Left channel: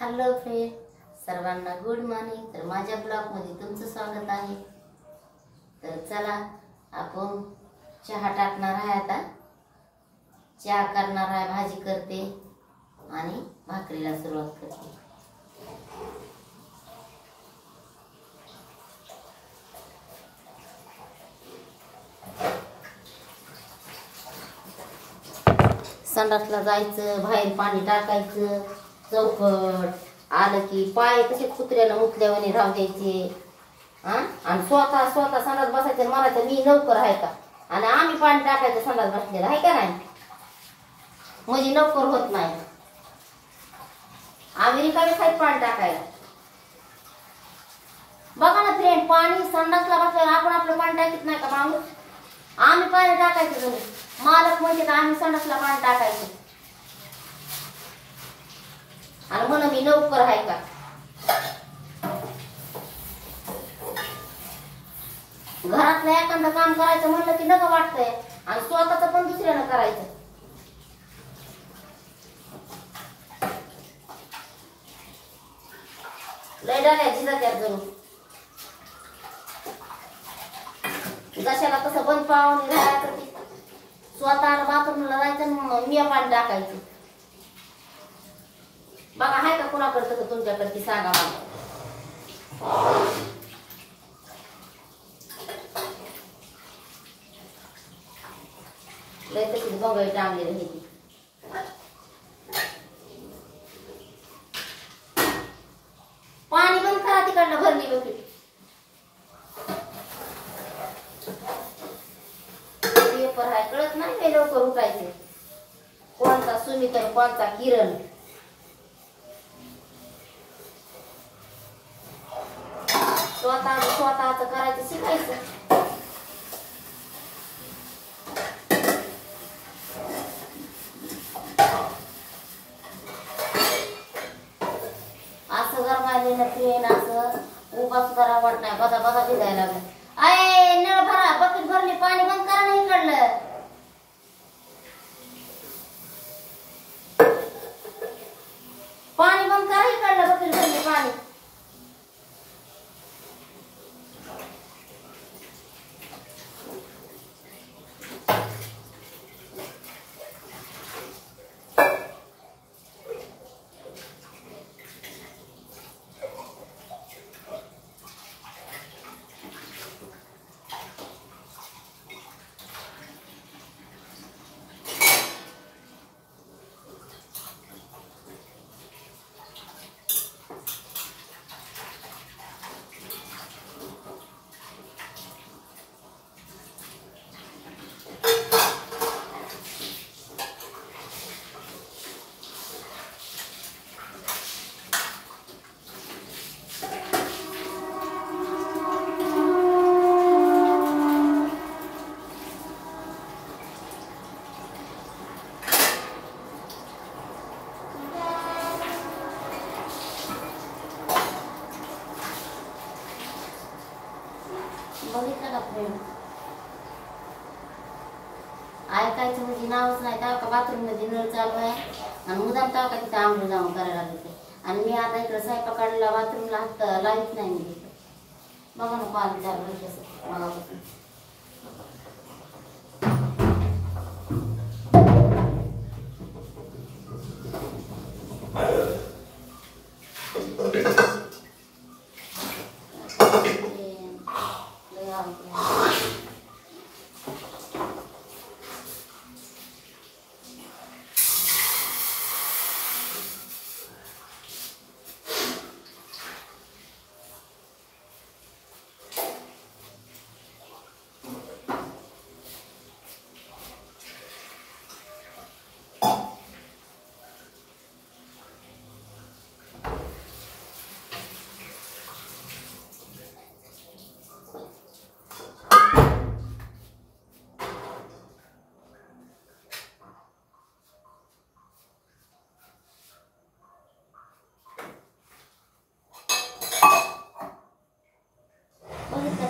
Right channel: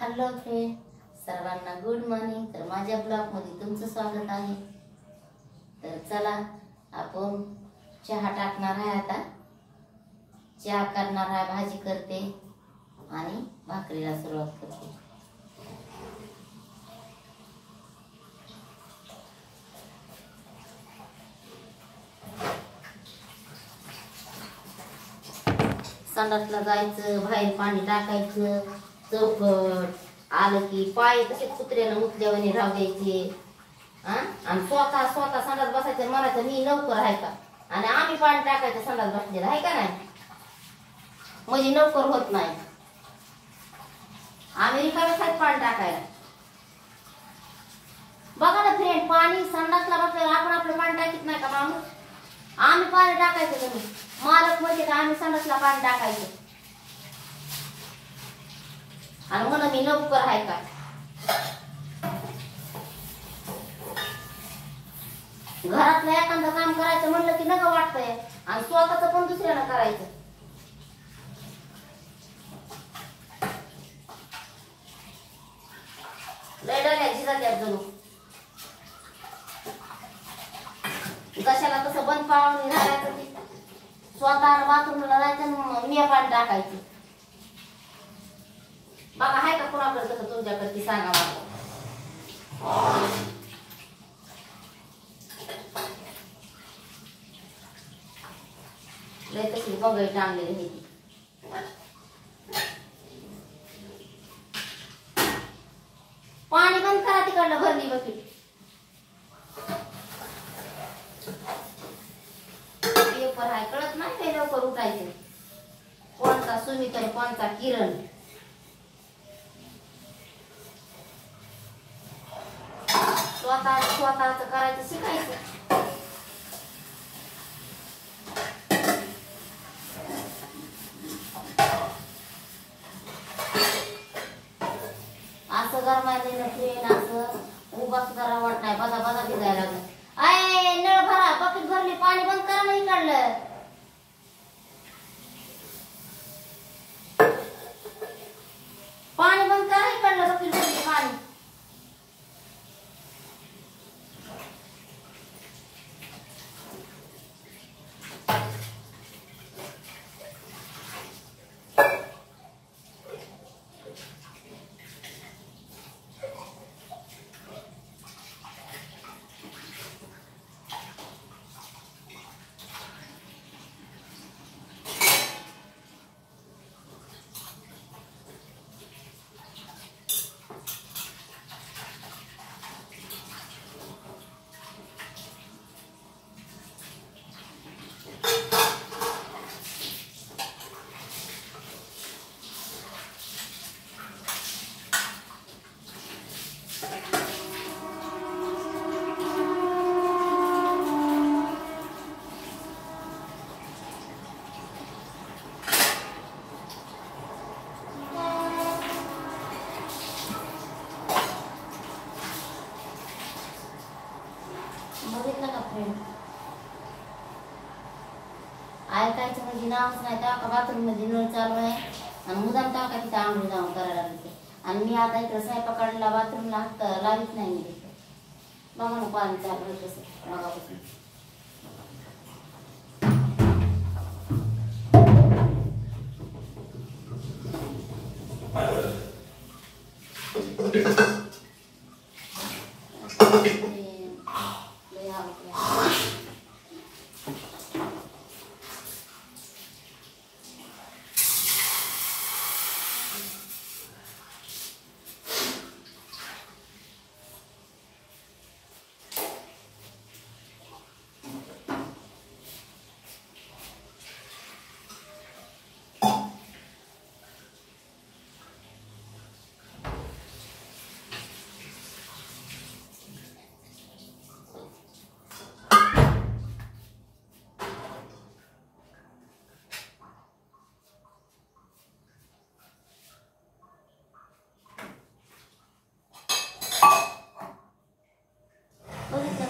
Hello friend, सर्वांना good morning. तर माझ्या ब्लॉग मध्ये तुमचं स्वागत आहे। तर चला आपण चहा टाकणार आहे। आता चहा करणार आहे, भाजी करते आणि भाकरीला सुरुवात करते। संडासला जायचं, बाहेर पाणी टाकायचं, चौकट आलं की पाय तसे कुत्र्याला मुतल्यावानी राहू द्यायचे आणि स्वतः संडास बसायचं। म्हणायचं मी नौकर आहे का, आणि आम्ही पाणी टाकायचं संडास बसलेला आहे का नाही, म्हणजे नौकर होत नाही। आम्ही रिकामे खायचं पाणी टाकायला। बघा ना फ्रेंड, पाणी संडासला बसल्यावर आपण आपलं पाणी टाकीत नाही का माणूस? आम्ही पाणी टाकायचं जणू मालक म्हणजे का आम्ही संडासला पाणी टाकायचं आणि म्हणून मी नौकर आहे का? घरातलं एखादं काम करायचं म्हणलं की नका वाटतंय, आणि स्वतःच पण दुसऱ्यानं करायचं। लय डोक्याची जात्यात जणू। कशाला तसं बंद पाहुणे राहायचं, ते स्वतः बाथरूमला जायचं मी पाणी टाकायचं। बघा आहे का कोणाकडे तसं तुमच्याकडे, सांगा मला। लय तशी बघाई टांगलेली आहे ती। पाणी बंद करा, तिकडनं भरली बकेट। पेपर आहे कळत नाही, ते लवकर उठायचे। कोणता सुमित आणि कोणता किरण। स्वतःच करायचं शिकायचं। असं गरमायले ना ट्रेन, असं उभाच करा वाट नाही, बघा बघा भिजायला लागलं। आय नळ भरा, बकेट भरली, पाणी बंद करा नाही काढलं। पाणी बंद करा इकडलं, बकेट भरली पाणी। बघितलं का फ्रेंड, ऐकायचं म्हणजे नावच नाही। तेव्हा का बाथरूम मध्ये नळ चालू आहे आणि मुदाम तेव्हा का तिथे आंघोळ जाऊन करायला लागते, आणि मी आता इकडे स्वयंपाकाला बाथरूमला हात लावित नाही मी तिथे। बघा ना पाणी चालू आहे कसं मगापासून।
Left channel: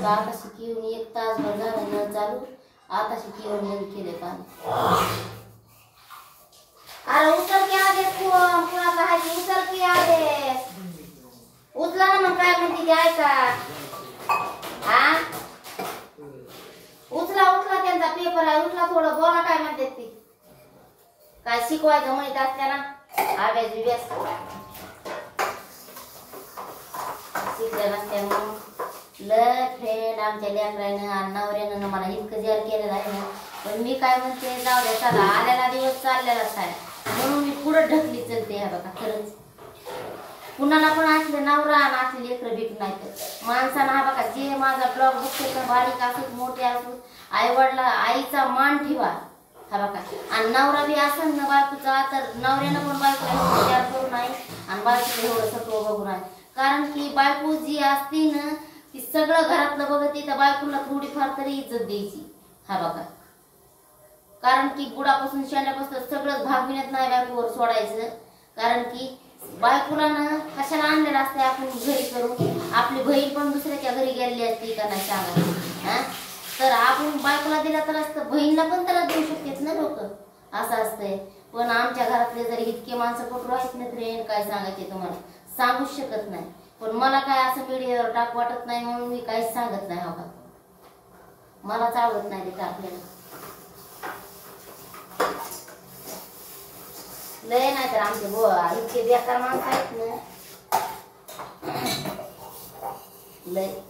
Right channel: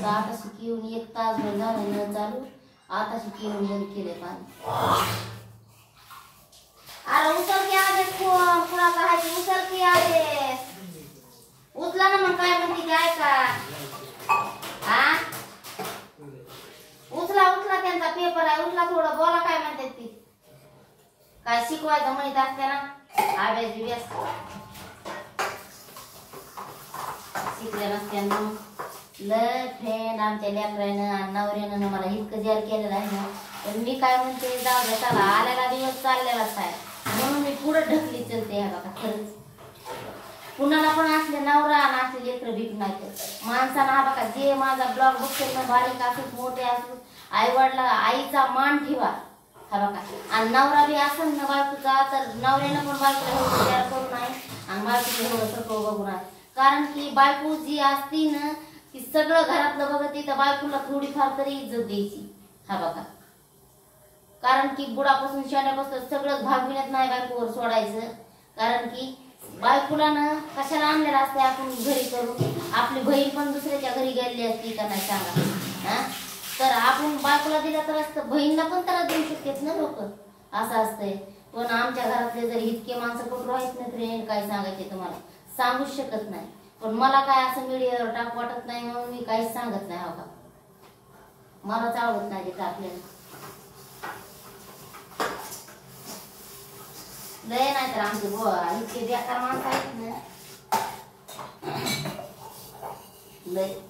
आता सुकी येऊन 1 तासभर झाला नळ चालू, आता सुकी येऊन बंद केले पाणी। अरे उचल घ्या आले फोन कुणाचा आहे की उचल की आले उचला ना मग काय म्हणते की ऐका हा उचला उचला त्यांचा पेपर आहे उचला थोडं बोला काय म्हणते ती काय शिकवायचं म्हणत असते ना अभ्यास बिभ्यास शिकल्या नसत्या मग लय फ्रेंड आमच्या लेकरानं आणि नवऱ्यानं मला इतकं जेर केलेलं आहे ना पण मी काय म्हणते जाऊ द्या चला आलेला दिवस चाललेलाच आहे म्हणून मी पुढे ढकली चलते ह्या बघा खरंच कुणाला पण असले नवरा आणि असले लेकरं भीक नाही तर माणसाला हा बघा जे माझा ब्लॉग बघते ना बारीक असू मोठे असू आई वडिला आईचा मान ठेवा हा बघा आणि नवरा बी असेल ना बायकोचा तर नवऱ्यानं पण बायकोला विचार करू नाही आणि बायकोला एवढं सगळं बघू नाही कारण की बायको जी असती ना ती सगळं घरातलं बघते तर बायकोला थोडीफार तरी इज्जत द्यायची हा बघा कारण की बुडापासून शेण्यापासून सगळं भागविण्यात नाही बायकोवर सोडायचं कारण की बायकोला ना कशाला आणलेलं असते आपण घरी करून आपली बहीण पण दुसऱ्याच्या घरी गेलेली असती का नाही सांगा तर आपण बायकोला दिला तर असतं बहीणला पण त्रास देऊ शकतात ना लोक असं असतंय पण आमच्या घरातले जर इतके माणसं कुठं आहेत ना फ्रेंड काय सांगायचे तुम्हाला सांगूच शकत नाही पण मला काय असं व्हिडिओवर टाक वाटत नाही म्हणून मी काहीच सांगत नाही हो का मलाच आवडत नाही तिथं आपल्याला लय नाही तर आमचे इतके बेकार माणसं आहेत ना लय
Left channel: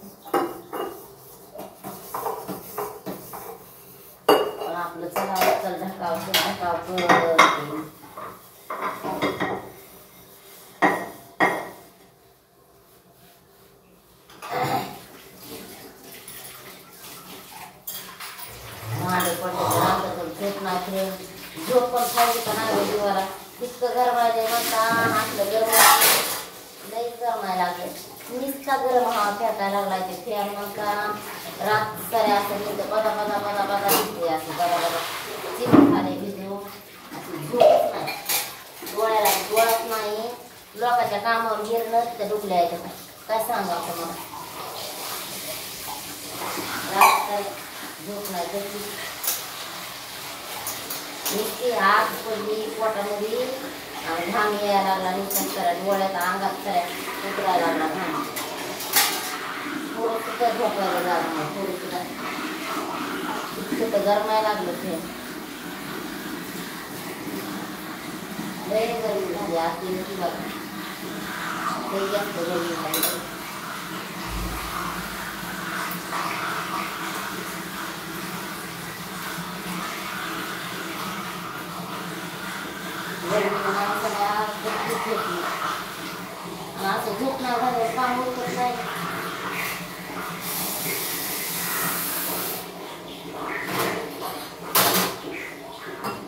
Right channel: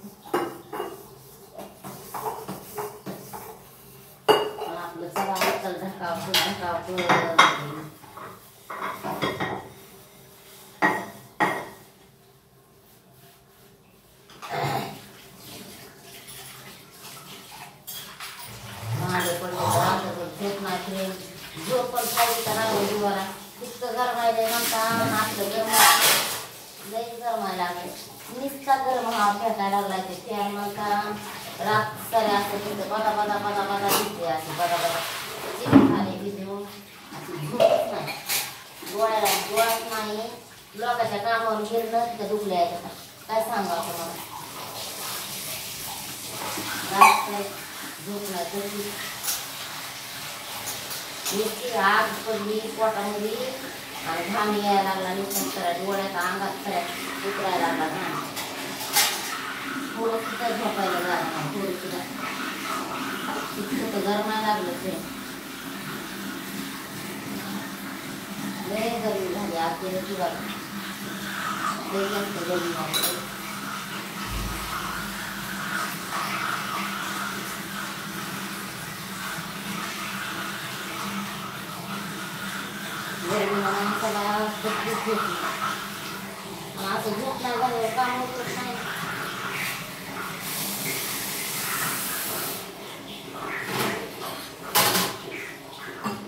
आपलं चला चल ढकाव झोप पण खायची का नाही जीवाला इतकं गरमायला म्हणता आपलं गरम लई गरमायला लागले नुसता गरम हा फेटायला लागलाय ते फॅन म्हणता रात सारे असं तिथं बदा दिसते असं बदा चिकन झाले भिजून अशी झोपच नाही डोळ्यात नाही लोकांच्या कामावर गेलं तिथं डुबले आहे काय सांगू आता मला रात झोप नाही तशी नुसती आग पडली पोटामध्ये आणि घाम यायला लागला नुसतं करा डोळ्यात अंगात खऱ्या उतरायला लागला घाम थोडं सुद्धा झोपायला लागला थोडं सुद्धा इतकं गरमायला लागलं ते लय गरमी झाली आपल्याला ती बघा लय जास्त गरमी झाली माणसाला झोप नाही असं झोप नाही बाहेर काम होत नाही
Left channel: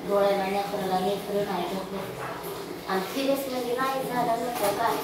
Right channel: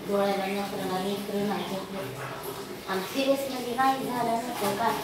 डोळ्याला नेत्राला नेत्र नाही झोपले आणि सिरियस मध्ये नाही झालं नसतं काय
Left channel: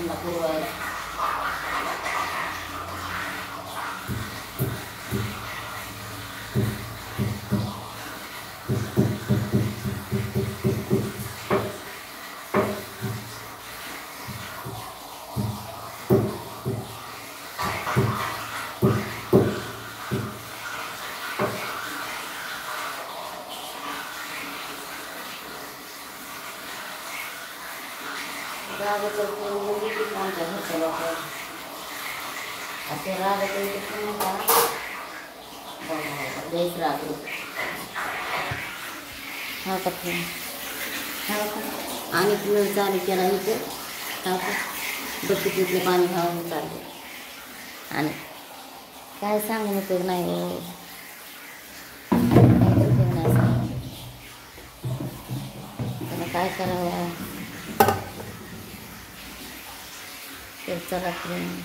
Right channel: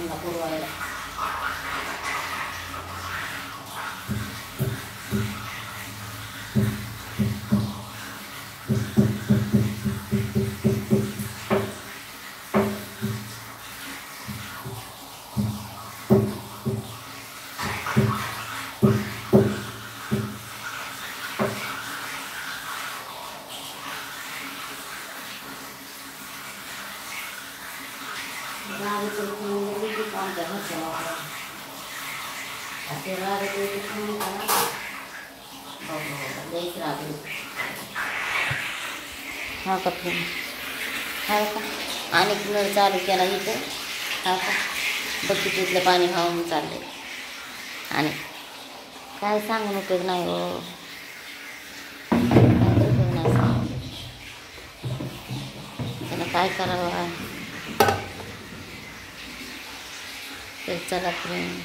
त्यांना पुरवायला. रागत आमच्या घरच्या वापरा असे रागत लईच रागले. हा का तुम्ही हा का आणि नळ चालू केला इथे. हा का बघते तिथलं पाणी वाहून चालले आणि काय सांगून उपयोग नाही हो. काहीच उपयोग नाही सांगून. त्याला काय करावं. चला फ्रेंड.